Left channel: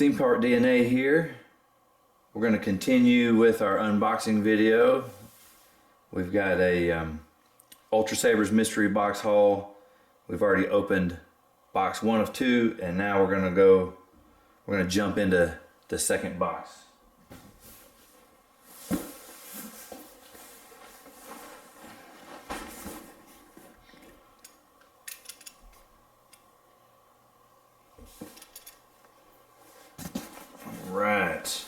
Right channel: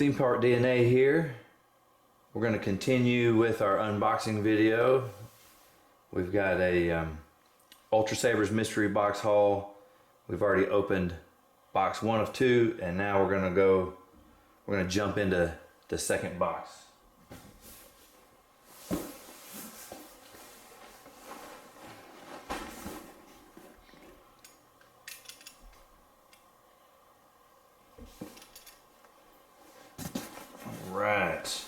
Theme Park DNA here. We're going to continue with our unboxing video. We've got a Ultrasabers mystery box haul. We've already opened box 1 of 2, and now we're going to jump into the second box. Right.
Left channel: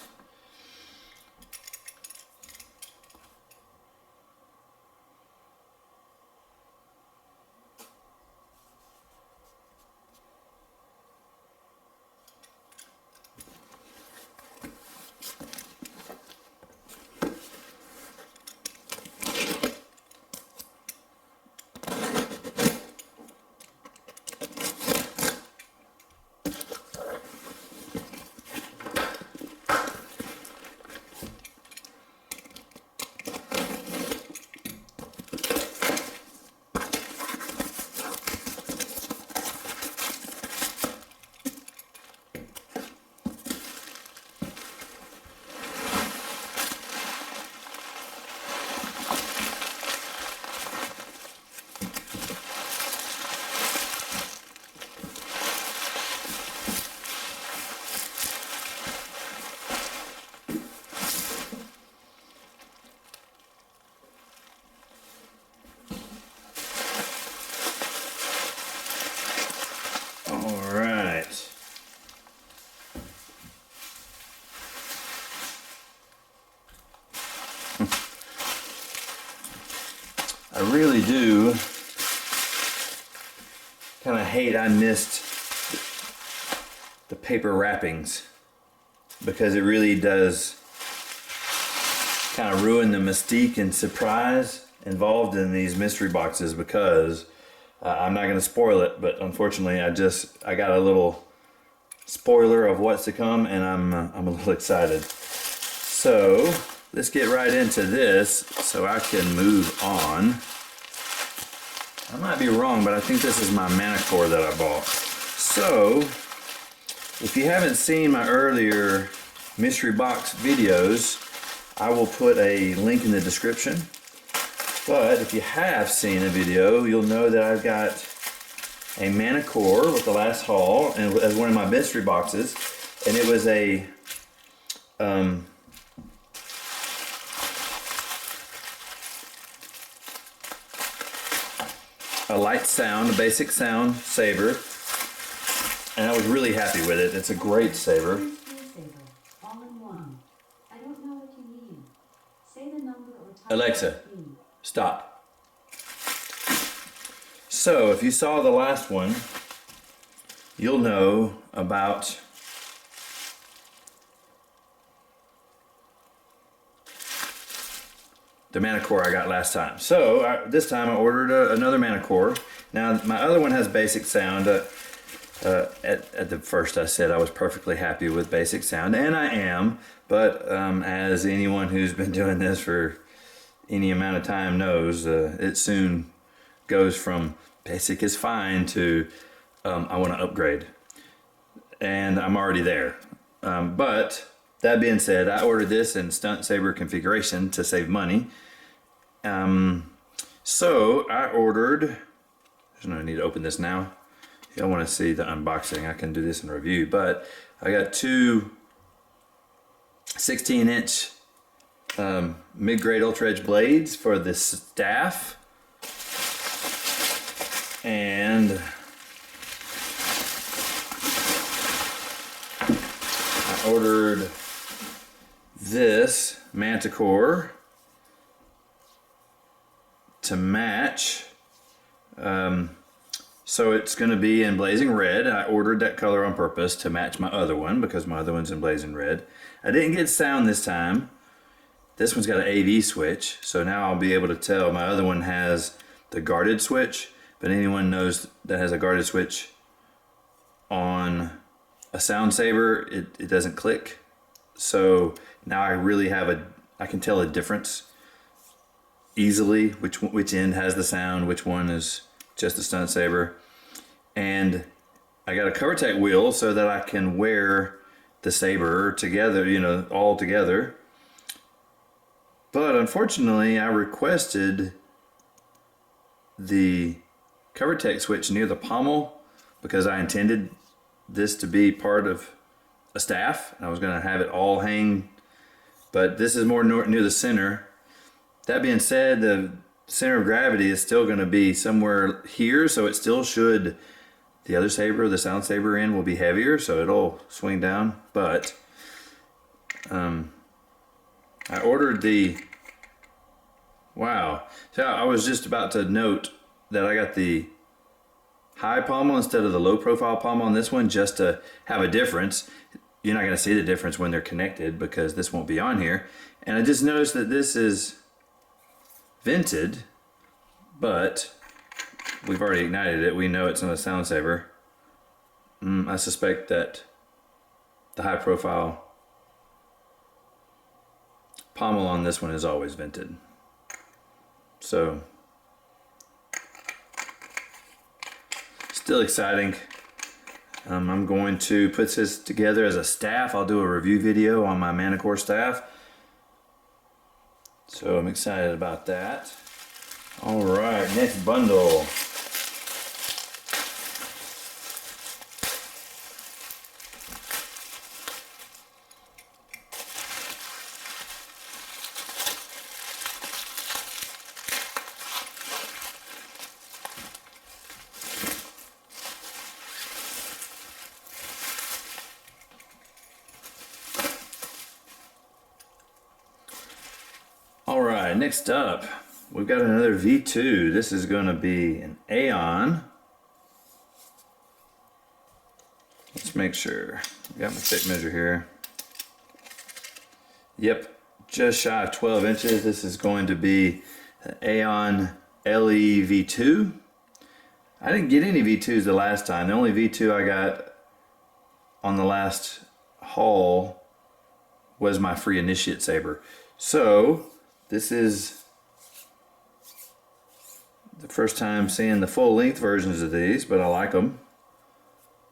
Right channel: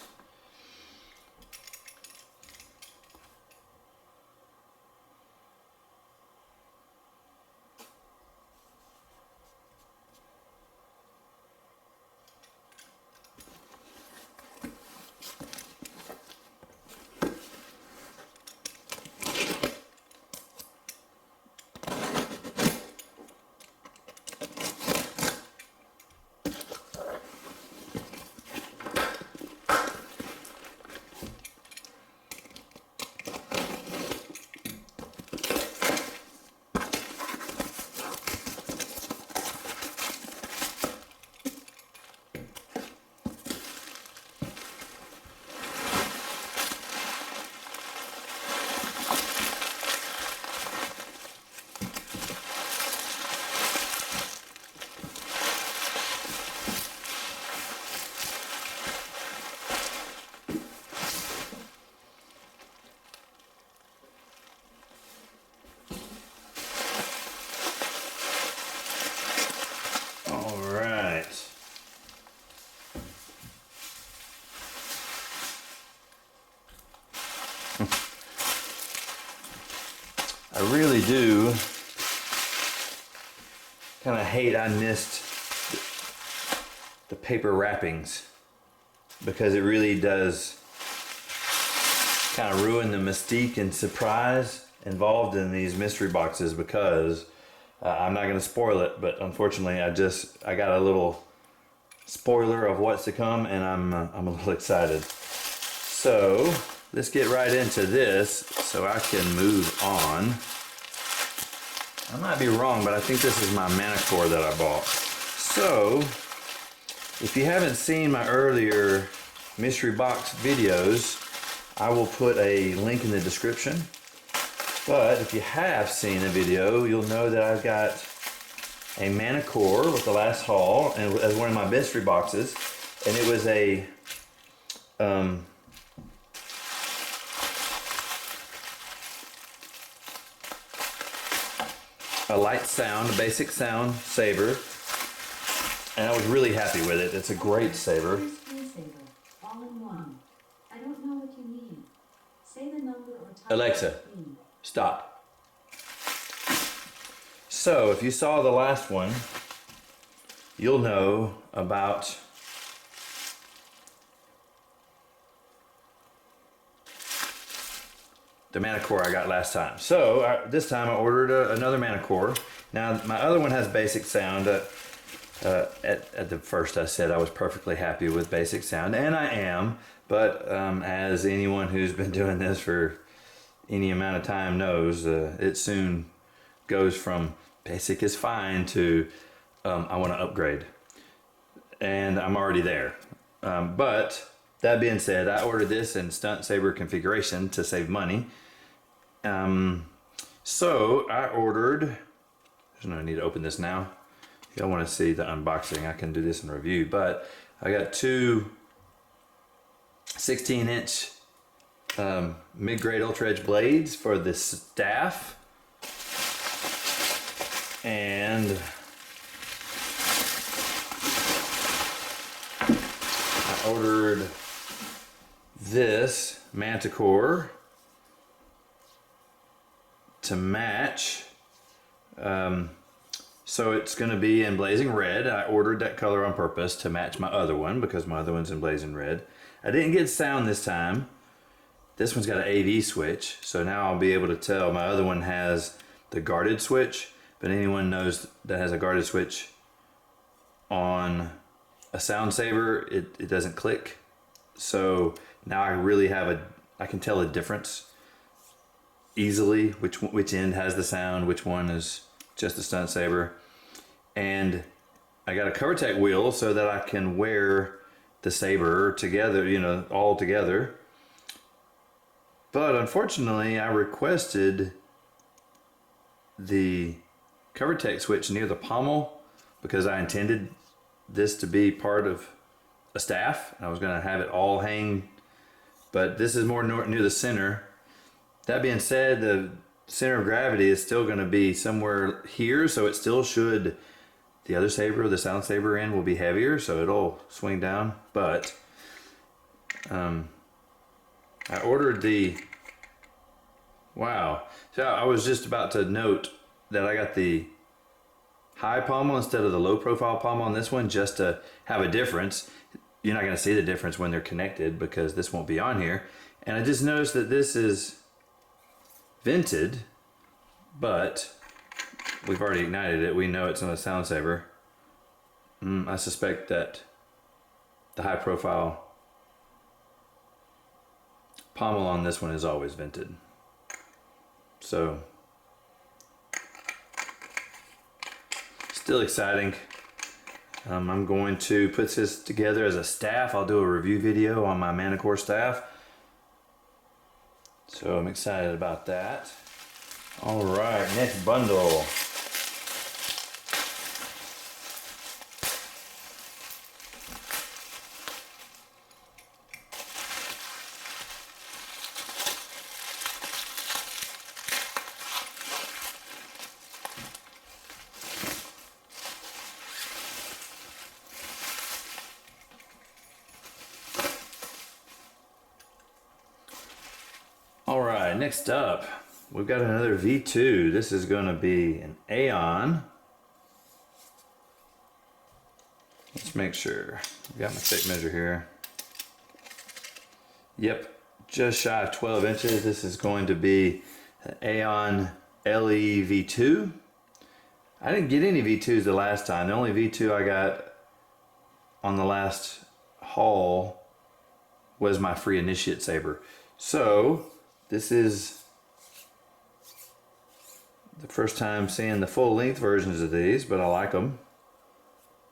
I really do kind of hate I missed the paper wrappings, because it really does kind of ruin the mystique and surprise involved in these mystery boxes, because I'm not going to spoil it, but unfortunately I got a little spoiler of what's to come, and I'm a little excited. So let's get right into this so I can move on. I might be wrong, but I think this is my Manticore that I bought. So, if you haven't seen my earlier mystery box videos, I will put a link in the description. But if you have seen a video, you'll know that I've got a Manticore with the last haul, and as one of my mystery boxes, and it was a light sound, a basic sound saber, and I was really happy with it. It's a great saber. All in one. I don't know what you mean. Say the number or type. Alexa, stop. So if you saw the last one, you'll know about the Manticore I got last time. So this time I ordered another Manticore. Now my other one has basic sound. At the first I said I was perfectly happy with basic sound, and I am, but as anyone who's been doing this for any amount of time knows, it soon goes from basic is fine to I want to upgrade, and I'm already there. But that being said, I ordered this in stunt saber configuration to save money. So I ordered, there's no need to open this now. If y'all want to see the unboxing, I can do this in review, but I got two 16-inch mid-grade ultra edge blades for the staff, and I ordered this Manticore to match. So it's going to be in blazing red. I ordered that color on purpose to match my other one, because my other one's in blazing red. I didn't get sound this time. This one's got an AV switch, so now I'll be able to tell. My other one has the guarded switch, but anyone knows that has a guarded switch on a sound saber, it doesn't click. So now I really have I can tell a difference easily, which end has the sound, which one is just a stunt saber. And I got a cover tech wheel so that I can wear the saber together, you know, all together. But unfortunately, I requested the cover tech switch near the pommel because I intended this to be part of a staff. I was going to have it all hang, but this is more near the center. That being said, the center of gravity is still going to be somewhere here, so it still should, the other saber, the sound saber end will be heavier, so it'll swing down. But I ordered the, wow. So I was just about to note that I got the high pommel instead of the low profile pommel on this one, just to have a difference. You're not going to see the difference when they're connected because this won't be on here. And I just noticed that this is vented, but we've already ignited it. We know it's on a sound saber. I suspect that the high profile pommel on this one is always vented. So still exciting. I'm going to put this together as a staff. I'll do a review video on my Manticore staff. So I'm excited about that. All right, next bundle. Alright, next up, we've got another V2. This is going to be an Aeon. Let's make sure. I've got my tape measure here. Yep, just shy of 12 inches. This is going to be an Aeon LE V2. I didn't get any V2s the last time. The only V2 I got on the last haul was my free initiate saber. So this is the first time seeing the full length versions of these, but I like them.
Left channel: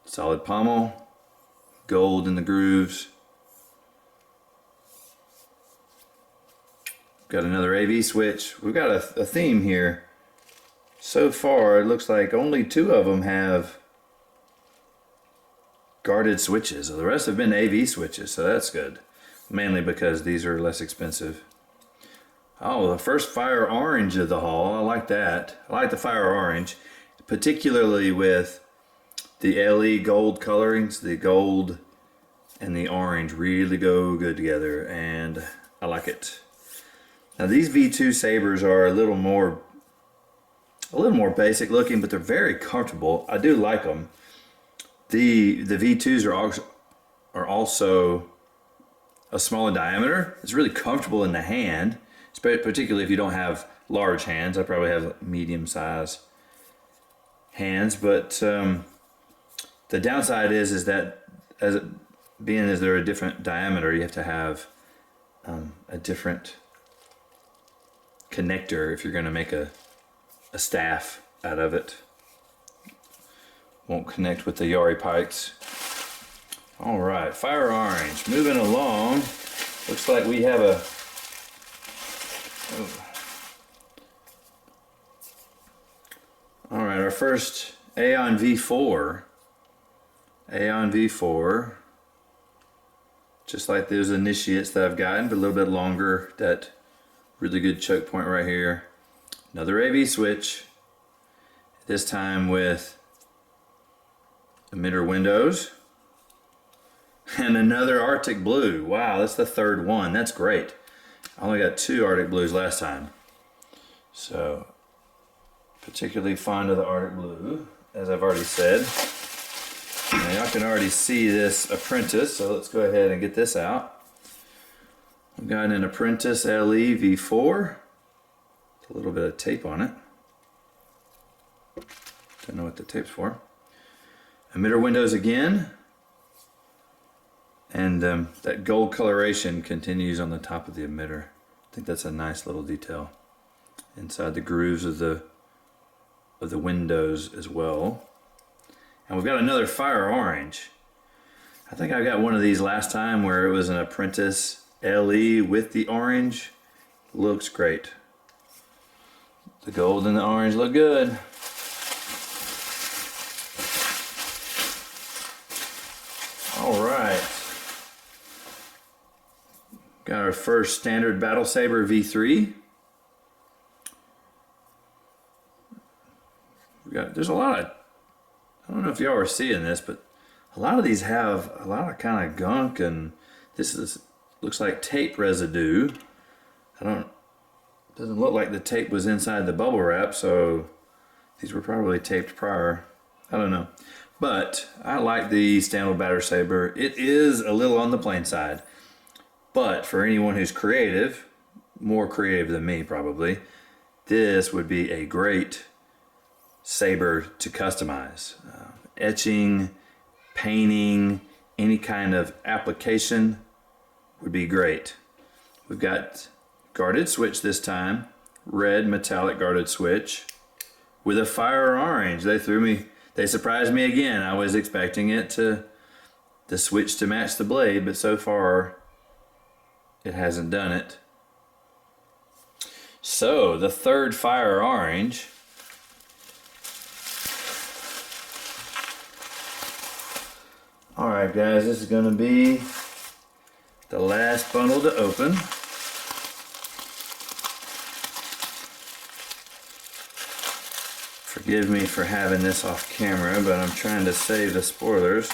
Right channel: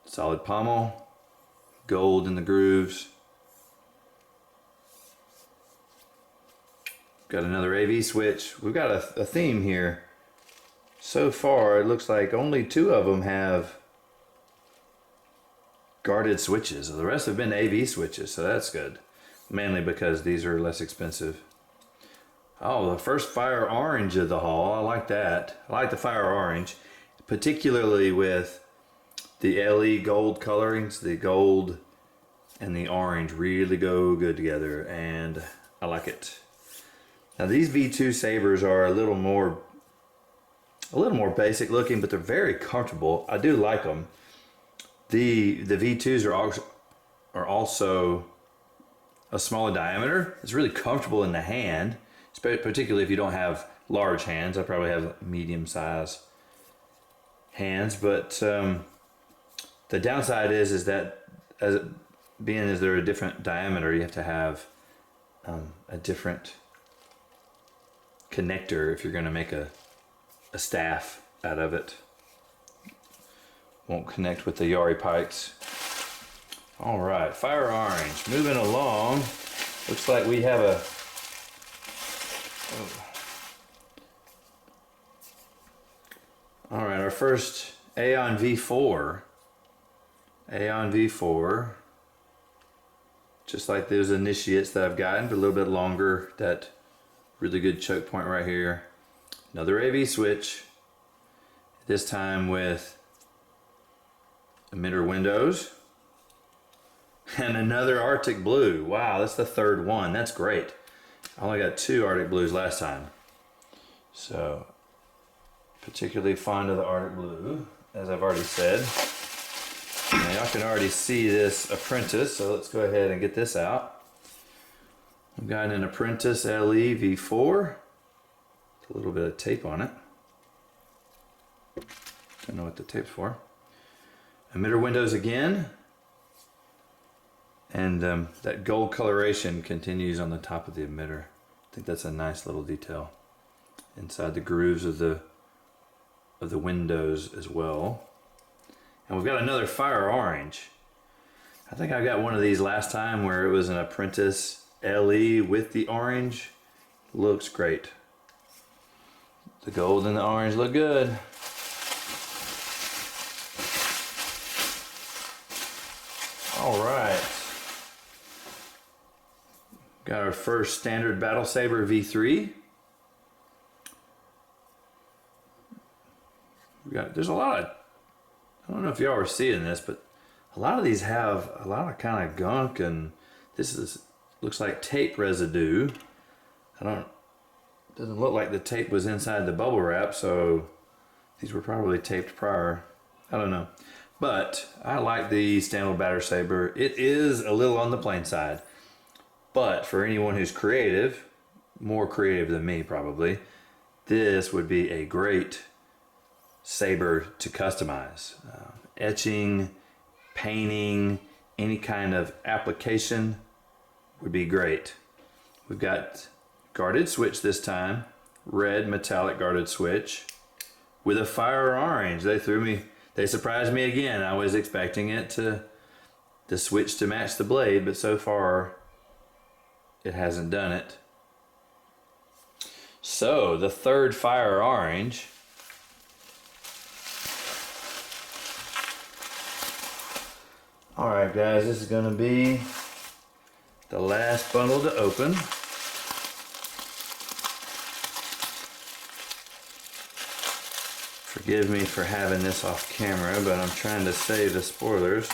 Solid pommel, gold in the grooves. Got another AV switch. We've got a theme here. So far, it looks like only 2 of them have guarded switches. The rest have been AV switches, so that's good. Mainly because these are less expensive. Oh, the first fire orange of the haul. I like that. I like the fire orange, particularly with the LE gold colorings. The gold and the orange really go good together, and I like it. Now these V2 sabers are a little more basic looking, but they're very comfortable. I do like them. The V2s are also a smaller diameter. It's really comfortable in the hand, particularly if you don't have large hands. I probably have medium size hands, but the downside is that as they're a different diameter, you have to have a different connector if you're going to make a staff out of it. Won't connect with the Yari pikes. All right, fire orange. Moving along. Looks like we have a. All right, our first Aeon V4. Aeon V4. Just like those initiates that I've gotten, but a little bit longer. That really good choke point right here. Another AV switch. This time with emitter windows. And another Arctic Blue. Wow, that's the 3rd one. That's great. I only got 2 Arctic Blues last time. So, particularly fond of the Arctic Blue, as I've already said. Now y'all can already see this Apprentice, so let's go ahead and get this out. I've got an Apprentice LE V4. A little bit of tape on it. Don't know what the tape's for. Emitter windows again. And that gold coloration continues on the top of the emitter. I think that's a nice little detail. Inside the grooves of the windows as well. And we've got another fire orange. I think I got one of these last time where it was an Apprentice LE with the orange. Looks great. The gold and the orange look good. All right. Got our first standard battle saber V3. There's a lot of, I don't know if y'all are seeing this, but a lot of these have a lot of kind of gunk, and looks like tape residue. Doesn't look like the tape was inside the bubble wrap, so these were probably taped prior. I don't know. But I like the standard battle saber. It is a little on the plain side, but for anyone who's creative, more creative than me probably, this would be a great saber to customize. Etching, painting, any kind of application would be great. We've got guarded switch this time, red metallic guarded switch with a fire orange. They surprised me again. I was expecting it the switch to match the blade, but so far it hasn't done it. So the third fire orange. Alright guys, this is going to be the last bundle to open. Forgive me for having this off camera, but I'm trying to save the spoilers.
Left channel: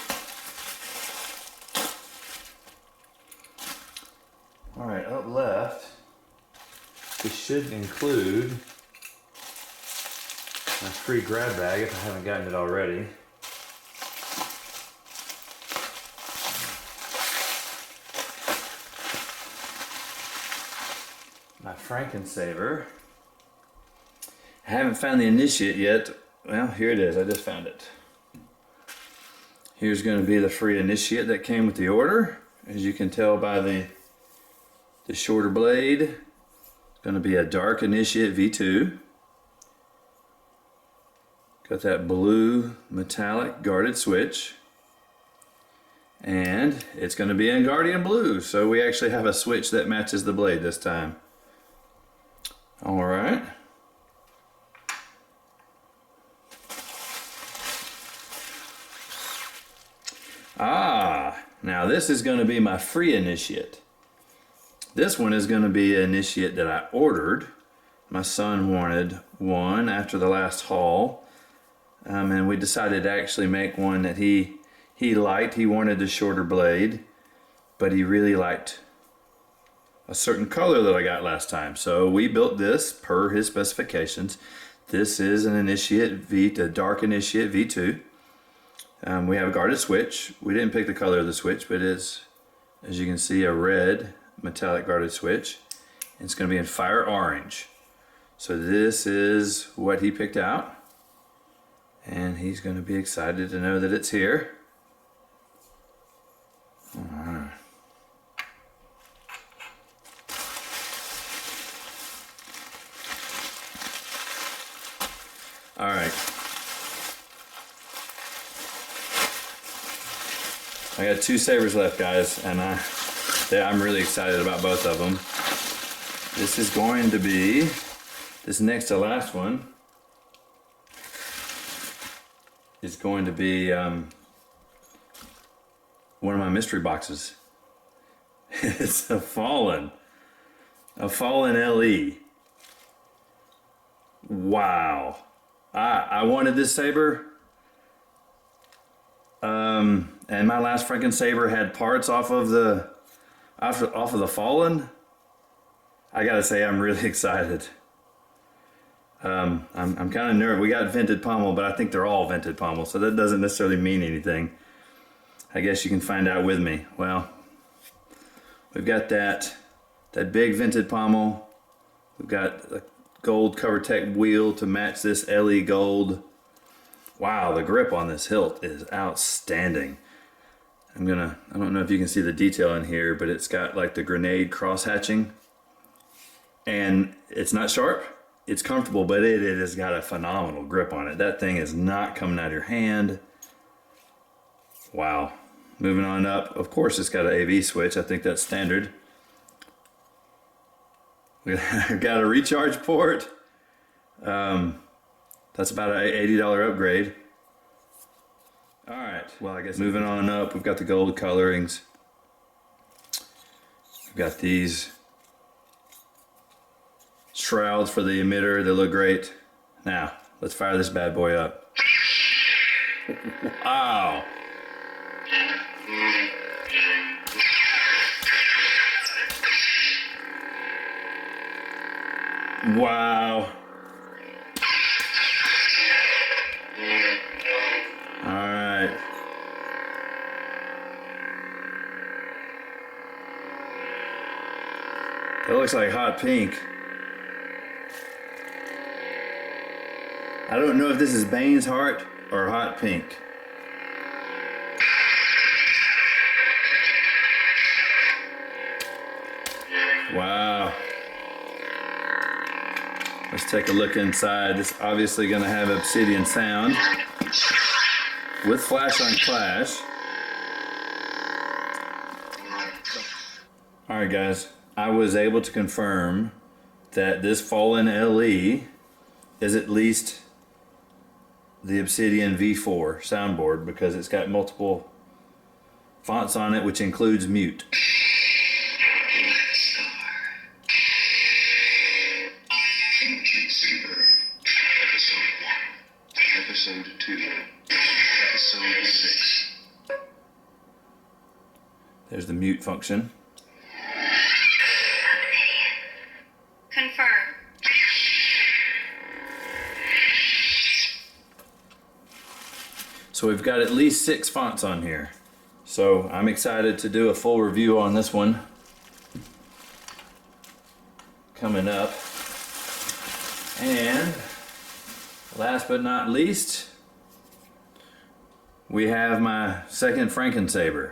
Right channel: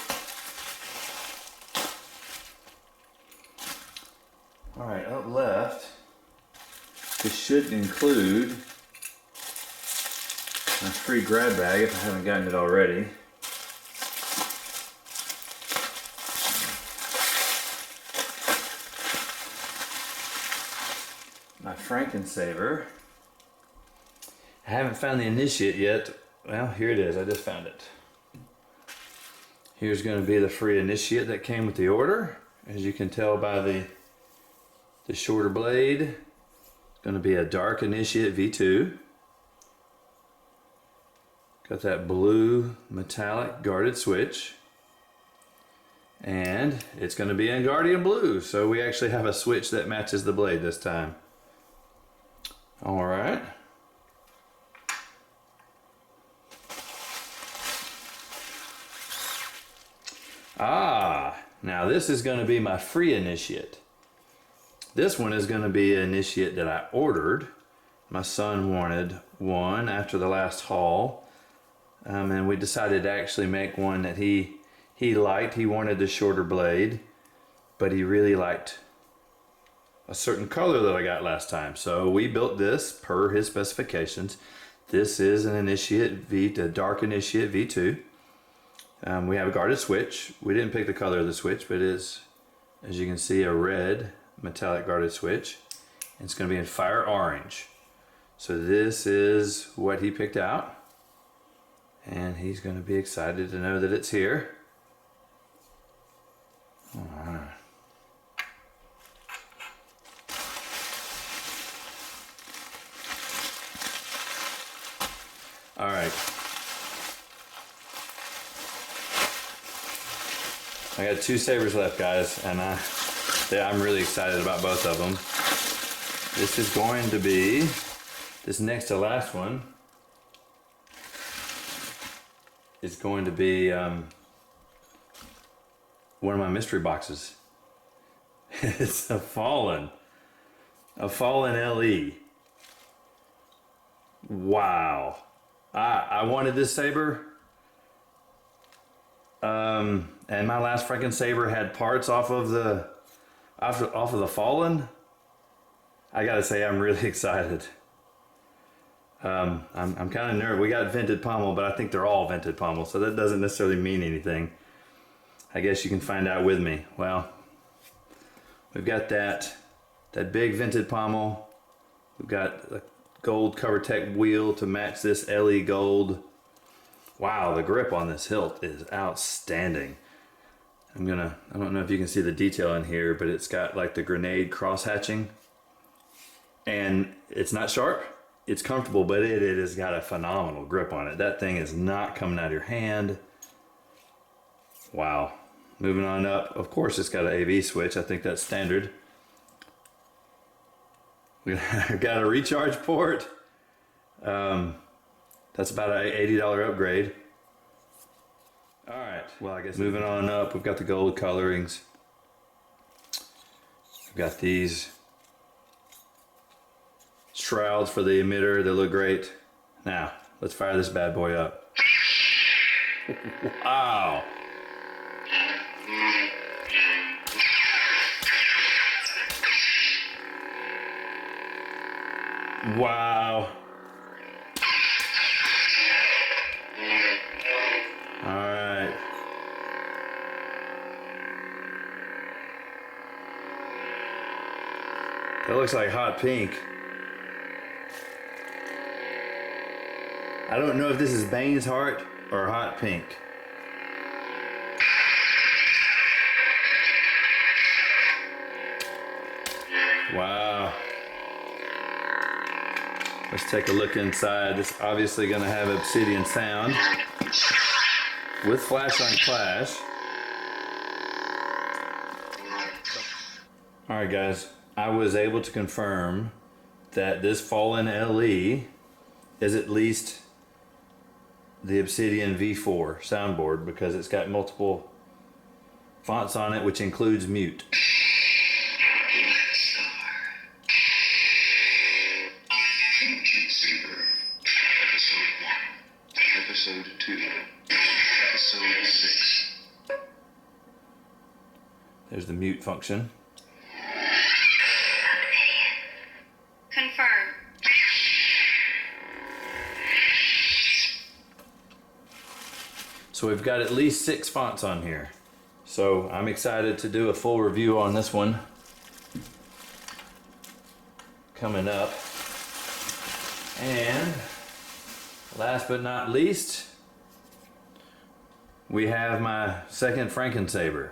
Alright, up left, this should include my free grab bag if I haven't gotten it already. My Franken saber. I haven't found the initiate yet. Well, here it is. I just found it. Here's going to be the free initiate that came with the order. As you can tell by the shorter blade, it's going to be a dark initiate V2. Got that blue metallic guarded switch. And it's going to be in Guardian Blue. So we actually have a switch that matches the blade this time. All right. Now this is going to be my free initiate. This one is going to be an initiate that I ordered. My son wanted one after the last haul, and we decided to actually make one that he liked. He wanted the shorter blade, but he really liked a certain color that I got last time. So we built this per his specifications. This is an initiate a dark initiate V2. We have a guarded switch. We didn't pick the color of the switch, but it is, as you can see, a red metallic guarded switch. And it's going to be in fire orange. So this is what he picked out. And he's going to be excited to know that it's here. All right. All right. I got 2 sabers left, guys, and I'm really excited about both of them. This is going to be, this next to last one is going to be one of my mystery boxes. It's a Fallen LE. Wow. I wanted this saber. And my last Franken saber had parts off of the Fallen. I gotta say, I'm really excited. I'm kind of nervous. We got vented pommel, but I think they're all vented pommel, so that doesn't necessarily mean anything. I guess you can find out with me. Well, we've got that big vented pommel. We've got the gold CoverTech wheel to match this LE gold. Wow, the grip on this hilt is outstanding. I don't know if you can see the detail in here, but it's got like the grenade cross hatching. And it's not sharp, it's comfortable, but it has got a phenomenal grip on it. That thing is not coming out of your hand. Wow. Moving on up, of course it's got an AV switch. I think that's standard. We got a recharge port. That's about an $80 upgrade. All right, well, I guess moving on up, we've got the gold colorings. We've got these shrouds for the emitter. They look great. Now, let's fire this bad boy up. Wow. Wow. All right. That looks like hot pink. I don't know if this is Bane's heart or hot pink. Wow. Let's take a look inside. It's obviously going to have obsidian sound with flash on flash. Alright guys, I was able to confirm that this Fallen LE is at least the Obsidian V4 soundboard because it's got multiple fonts on it, which includes mute. Saber, Episode 1, Episode 2, Episode 6. There's the mute function. Confirm. So we've got at least 6 fonts on here. So I'm excited to do a full review on this one coming up. And last but not least, we have my second Frankensaber.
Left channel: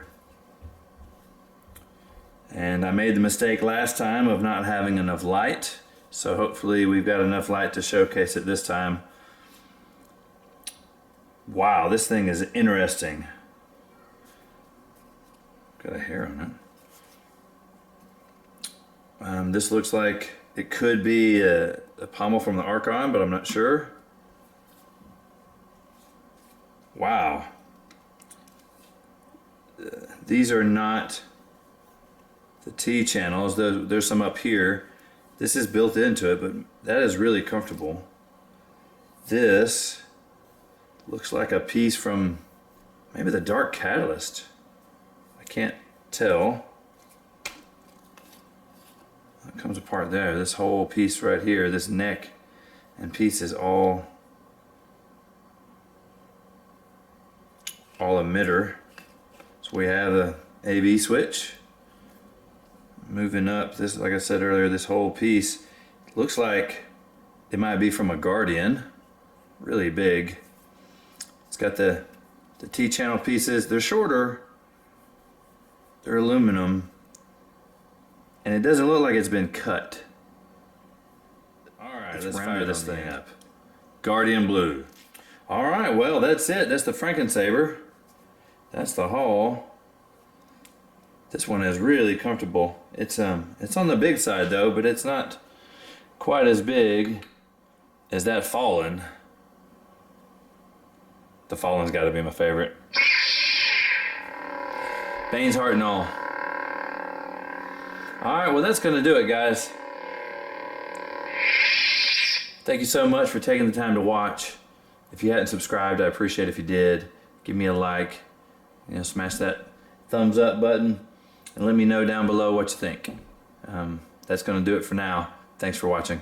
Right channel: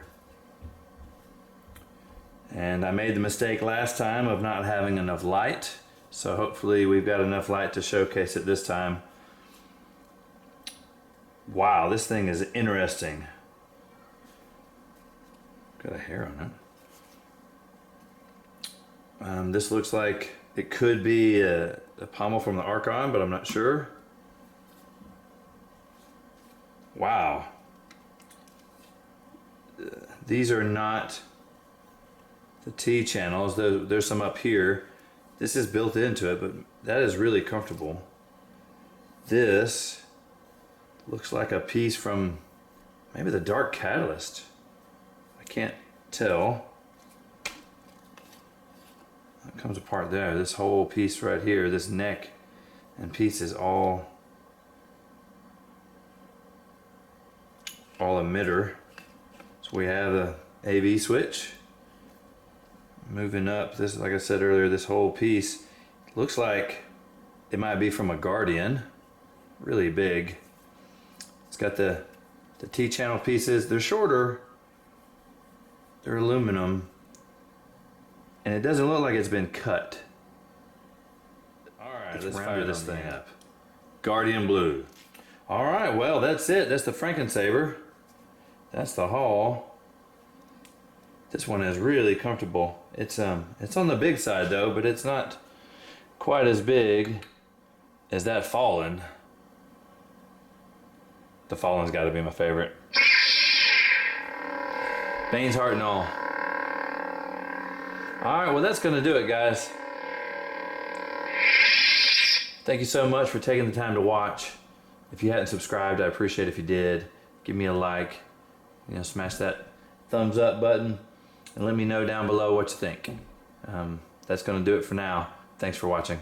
And I made the mistake last time of not having enough light, so hopefully we've got enough light to showcase it this time. Wow, this thing is interesting. Got a hair on it. This looks like it could be a pommel from the Archon, but I'm not sure. Wow. These are not the T channels. There's some up here. This is built into it, but that is really comfortable. This looks like a piece from maybe the Dark Catalyst. I can't tell. It comes apart there. This whole piece right here, this neck and piece is all emitter. So we have a AV switch. Moving up, this, like I said earlier, this whole piece looks like it might be from a Guardian. Really big. It's got the T-channel pieces. They're shorter. They're aluminum. And it doesn't look like it's been cut. Alright, let's fire this thing up. Guardian Blue. Alright, well, that's it. That's the Frankensaber. That's the haul. This one is really comfortable. It's on the big side though, but it's not quite as big as that Fallen. The Fallen's got to be my favorite. Bane's heart and all. Alright, well that's going to do it, guys. Thank you so much for taking the time to watch. If you hadn't subscribed, I appreciate it if you did. Give me a like. You know, smash that thumbs up button and let me know down below what you think. That's going to do it for now. Thanks for watching.